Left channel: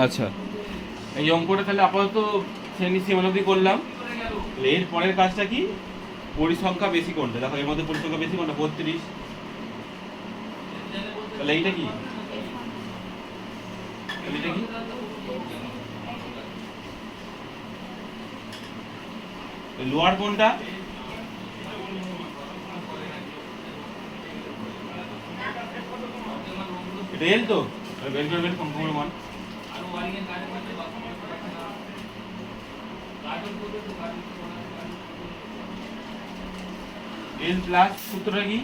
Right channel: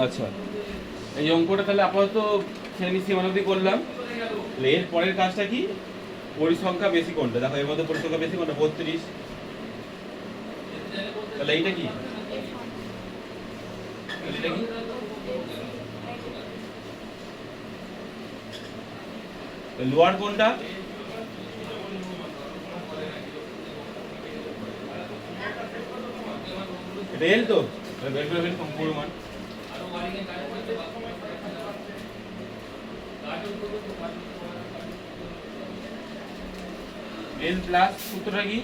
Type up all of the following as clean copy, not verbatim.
আচ্ছা, এই অঙ্কটা তাহলে আপাতত শ্রেণী সীমানাদি করলাম। এর পরের কাজটা কি? পরিসংখ্যা বেশি কোনটা? দেখো এর মধ্যে পরিসংখ্যা বেশি কোনটা? 32। তাহলে এইটা কি? এটা কি? লোয়ার কোনটা? এটা এল তো? বের করে ফেল সম্পূর্ণ মান। এল প্লাস সূত্রটা কি?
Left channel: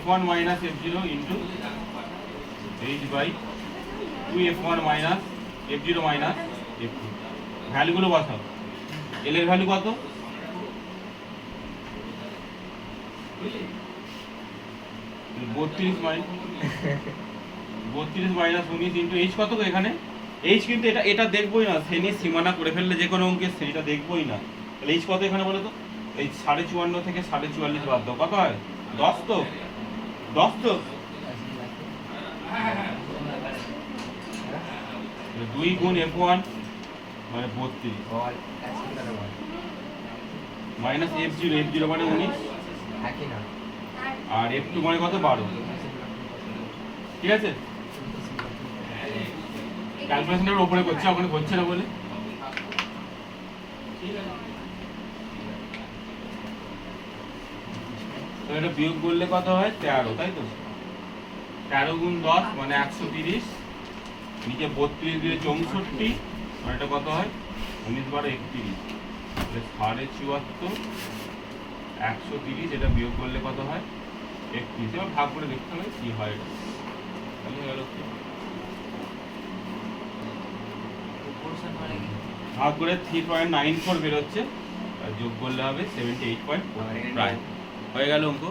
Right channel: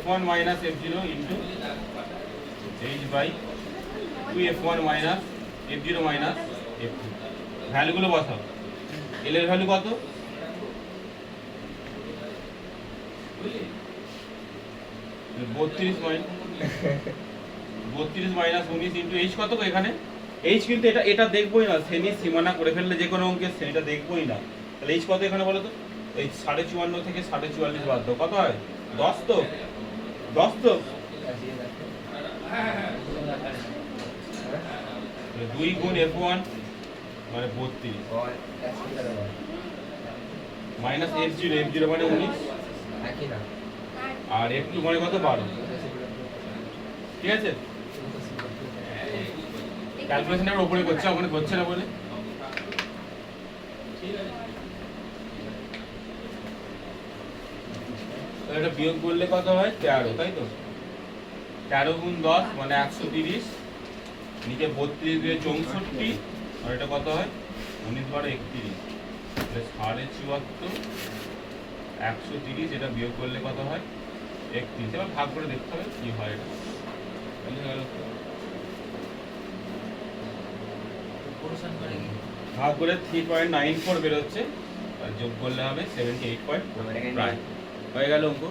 f1 minus f0 into h by 2f1 minus f0 minus f2। ভ্যালুগুলো বসাও। এল এর ভ্যালু কত? 32 মাইনাস 19 ইন্টু h কত? তো এখানে h কিন্তু এটা দেখবোই না, শ্রেণীর সীমানা করে ফেললে যে কোনো অঙ্কের শ্রেণীটা দেখবোই না। তাহলে h কত এখানে বলো তো? এই 54.5 থেকে 44.5 বাদ দাও, কত হয়? 10 তো? 10 তো? 2 গুণ f1 মানে 32 মাইনাস f0 মানে 19 আর f2 মানে কত? 12। ঠিক আছে, ক্যালকুলেশনের উপরে করছে, ওখানে করছে না বলে। এটা বিয়োগ করলে কত হয়? 13, তাই তো? 13 গুণ 10 মানে 130, নিচে 32 দিয়ে 64, আর এটা কত হয়? 19 বারে 31, 74.5 130, এটা বিয়োগ করলে কত হয়? 31। এবার ভাগ করে দেখতে হবে কি হয়। এটা বুঝে গেল? ভাগ করে 3.94 বেরোচ্ছে, আর যোগ করলে হবে 78.9। হয়ে গেল অঙ্ক।